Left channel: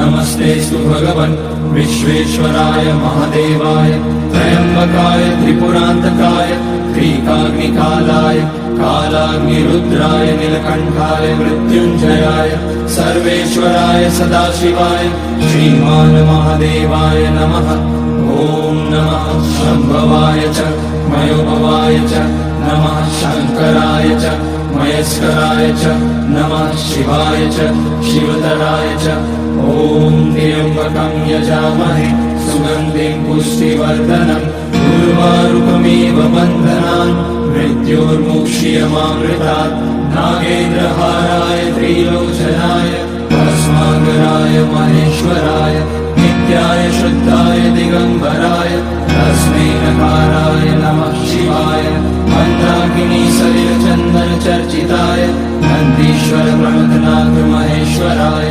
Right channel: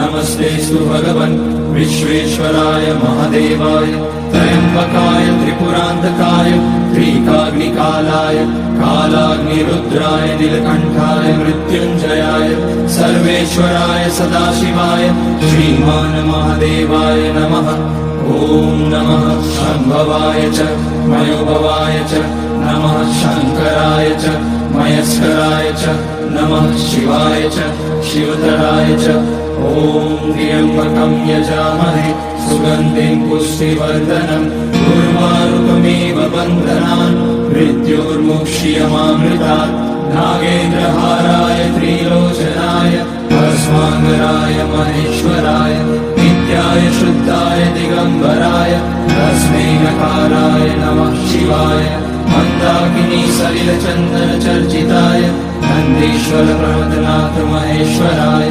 नमस्तेऽस्तु भगवन् विश्वेश्वराय महादेवाय त्र्यम्बकाय त्रिपुरान्तकाय त्रिकाग्निकालाय कालाग्निरुद्राय नीलकण्ठाय मृत्युञ्जयाय सर्वेश्वराय सदाशिवाय श्रीमान् महादेवाय नमः। ॐ नमः शम्भवाय च मयोभवाय च नमः शङ्कराय च मयस्कराय च नमः शिवाय च शिवतराय च। ॐ त्र्यम्बकं यजामहे सुगन्धिं पुष्टिवर्धनम् उर्वारुकमिव बन्धनान् मृत्योर्मुक्ष्यमामृतात्। नागेन्द्रहाराय त्रिलोचनाय भस्माङ्गराय महेश्वराय नित्याय शुद्धाय दिगम्बराय तस्मै नकाराय नमः शिवाय। मन्दाकिनी सलिलचन्दन चर्चिताय नन्दीश्वर प्रणतनाथ महेश्वराय